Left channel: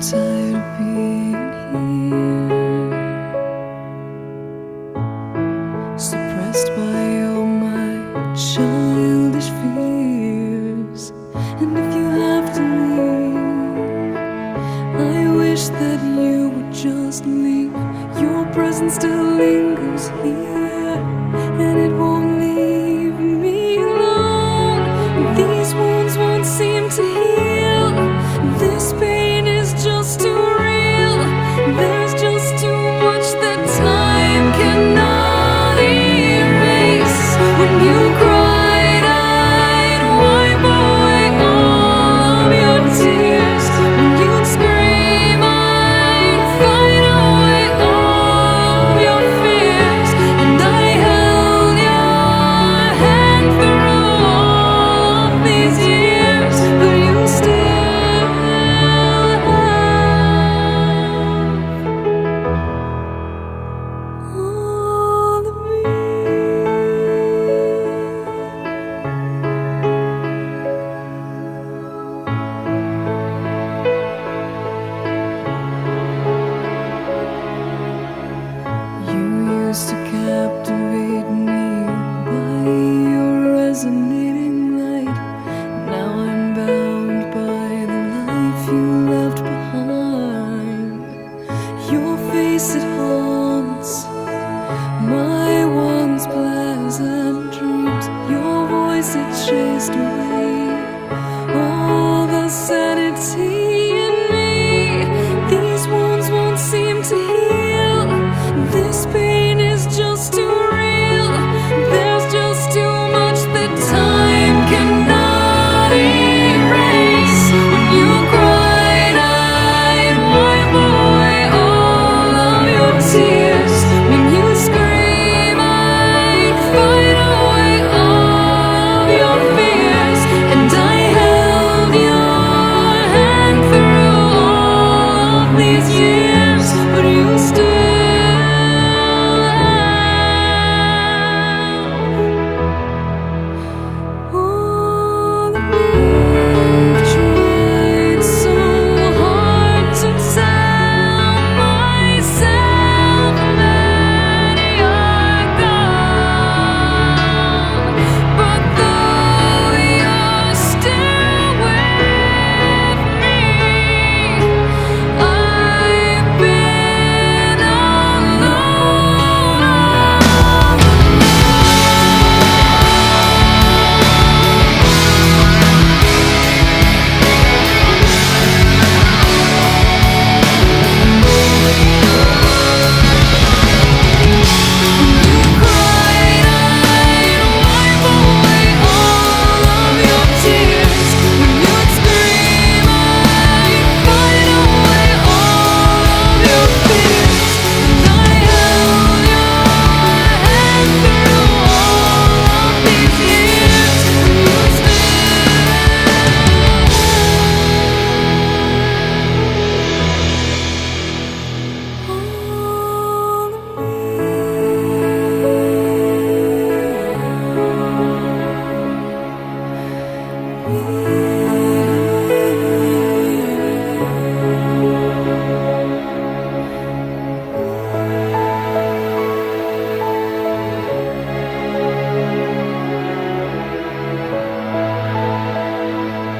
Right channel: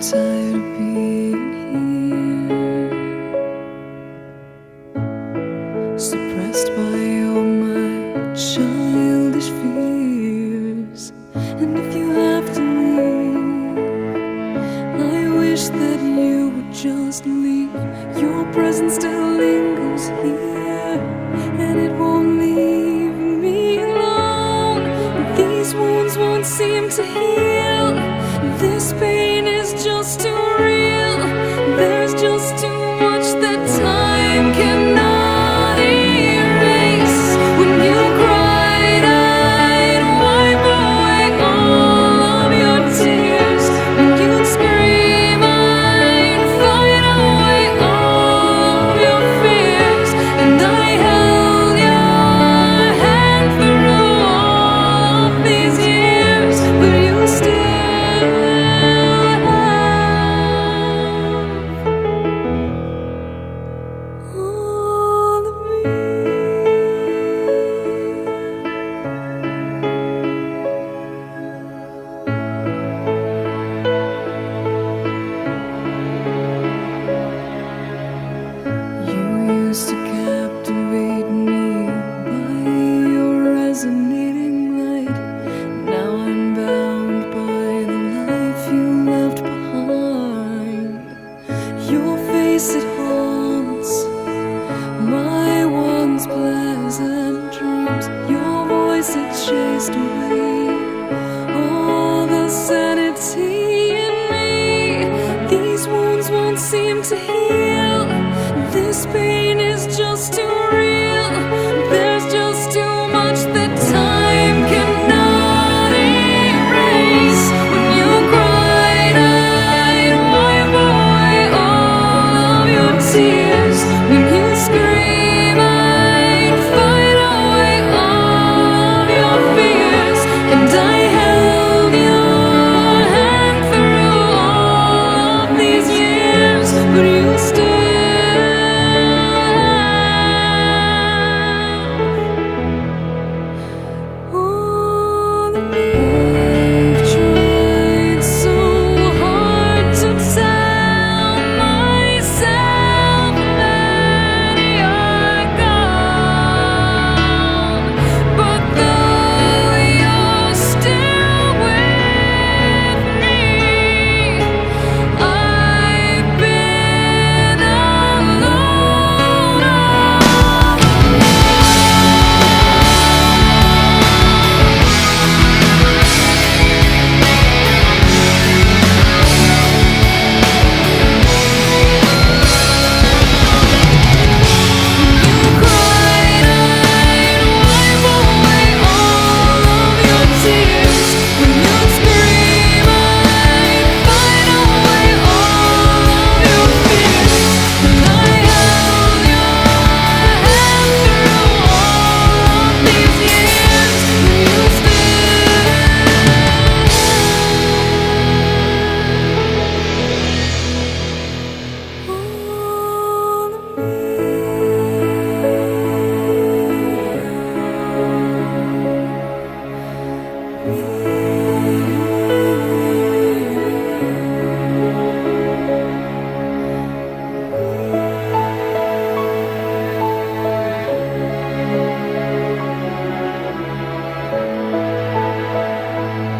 tired of being here, suppressed by all my childish fears. And if you have to leave, I wish that you would just leave. Your presence still lingers here, and it won't leave me alone. These wounds won't seem to heal. This pain is just too real. There's just too much that time cannot erase. When you cried, I'd wipe away all of your tears. When you'd scream, I'd fight away all of your fears. And I held your hand through all of these years, but you still all of me. You used to captivate me by your resonating light. Now I'm bound by the life you left behind. Your face, it haunts my once pleasant dreams. Your voice, it chased away all the sanity in me. These wounds won't seem to heal. This pain is just too real. There's just too much that time cannot erase. When you cried, I'd wipe away all of your tears. When you scream, I'd fight away all of your fears. And I held your hand through all of these years, but you still